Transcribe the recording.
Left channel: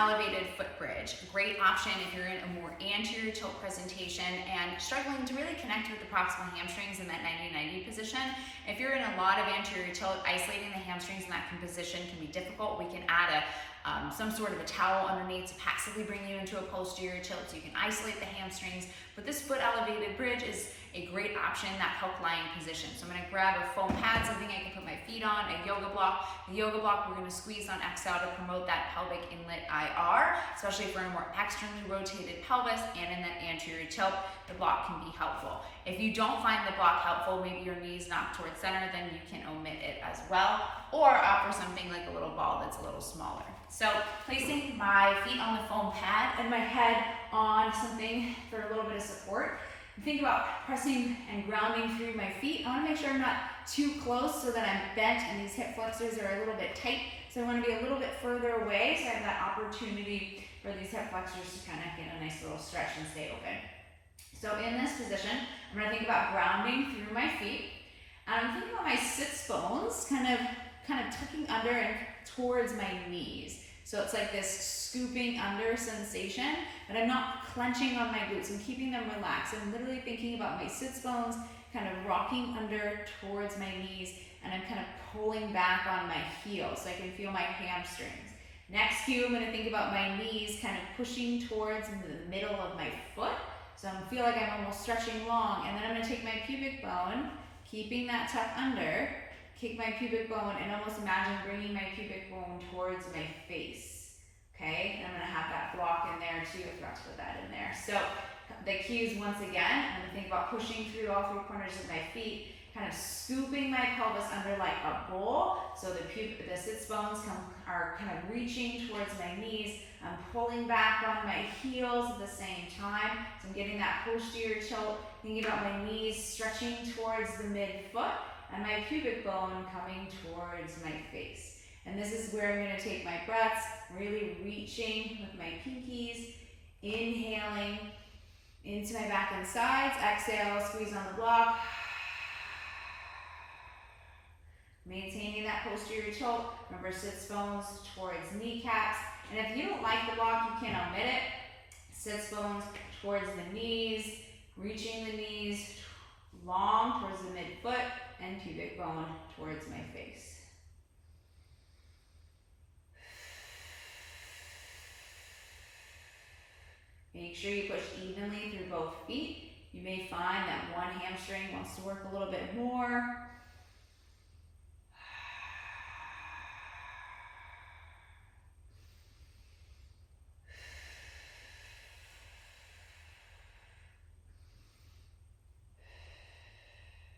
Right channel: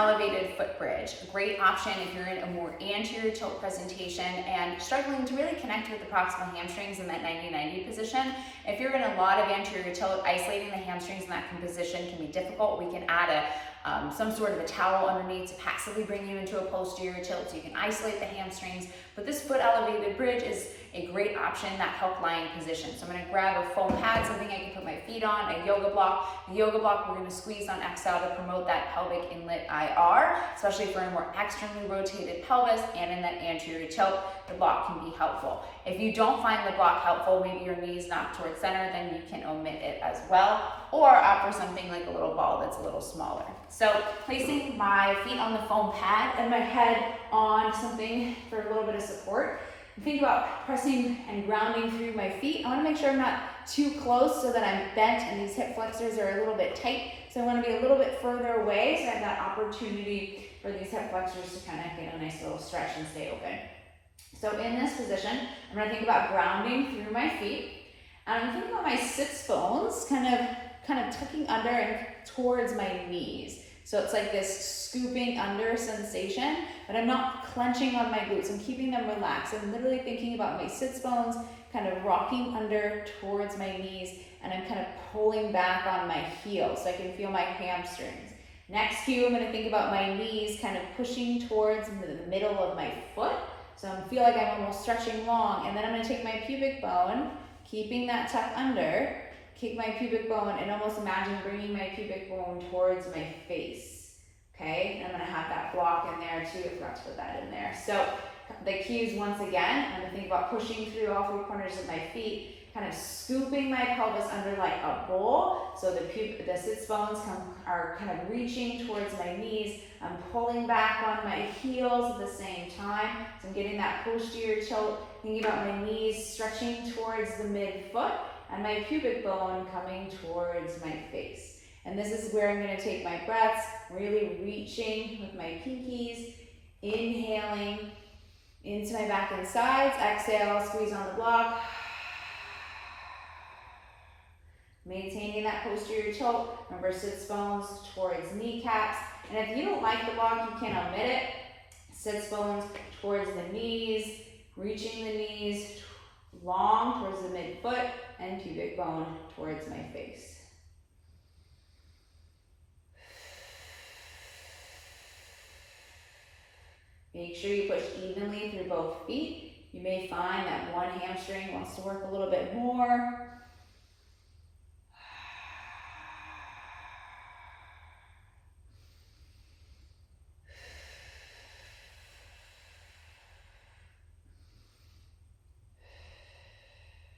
elevated foot bridge. A great option if you're in a more anterior tilt presentation and struggling to really connect with the proximal hamstrings in that 90-90 position. If you're in a lot of anterior tilt, isolating the hamstrings in that position can be difficult. We can add some sort of a towel underneath to passively bring you into a posterior tilt so you can isolate the hamstrings. But this foot elevated bridge is a great option in that hook lying position. So I'm going to grab a foam pad, something I can put my feet on, a yoga block. The yoga block we're going to squeeze on exhale to promote that pelvic inlet IR, especially for a more externally rotated pelvis and in that anterior tilt. The block can be helpful. If you don't find the block helpful, maybe your knees knocked towards center, then you can omit it as well, or opt for something like a little ball that's a little smaller. So placing my feet on the foam pad and my head on something for a little bit of support. Think about pressing and grounding through my feet. I want to make sure I'm not too close so that I'm bent and these hip flexors are a little bit tight. So I want to be a little bit further away so I have that opportunity for these hip flexors to kind of get a nice little stretch and stay open. So in this position, I'm going to think about grounding through my feet. And I'm thinking about my sits bones kind of tucking under and towards my knees. So it's like this scooping under sensation, but I'm not clenching on my glutes. I'm keeping them relaxed. I'm literally thinking about my sits bones kind of rocking under towards my knees, and I'm kind of pulling back on my heels so I can feel my hamstrings. Next cue, I'm going to think about my knees kind of pushing towards the middle of my foot. So I feel like I'm almost stretching long, and then I'm going to take my pubic bone, keeping that tuck under, kick my pubic bone, and almost imagine bringing my pubic bone towards my face, okay? And I'm gonna have that block in there too. I forgot to put that in there. So the cues once again, I'm gonna think about pushing through all three corners of my feet, kind of scooping my pelvis under like a bowl. So the sits bones are kind of reaching towards my knees. I'm pulling back on my heels at the same time. So I'm getting that posterior tilt, thinking about my knees stretching towards the midfoot, and my pubic bone coming towards my face. And this is where I'm going to take my breaths, really reaching with my pinkies, inhaling into my back and sides, exhale, squeeze on the block, maintaining that posterior tilt. Remember, sits bones towards kneecaps. And if you don't like the block, you can omit it. Sits bones towards the knees, reaching the knees long towards the midfoot, and pubic bone towards my face. Make sure you push evenly through both feet. You may find that one hamstring wants to work a little bit more.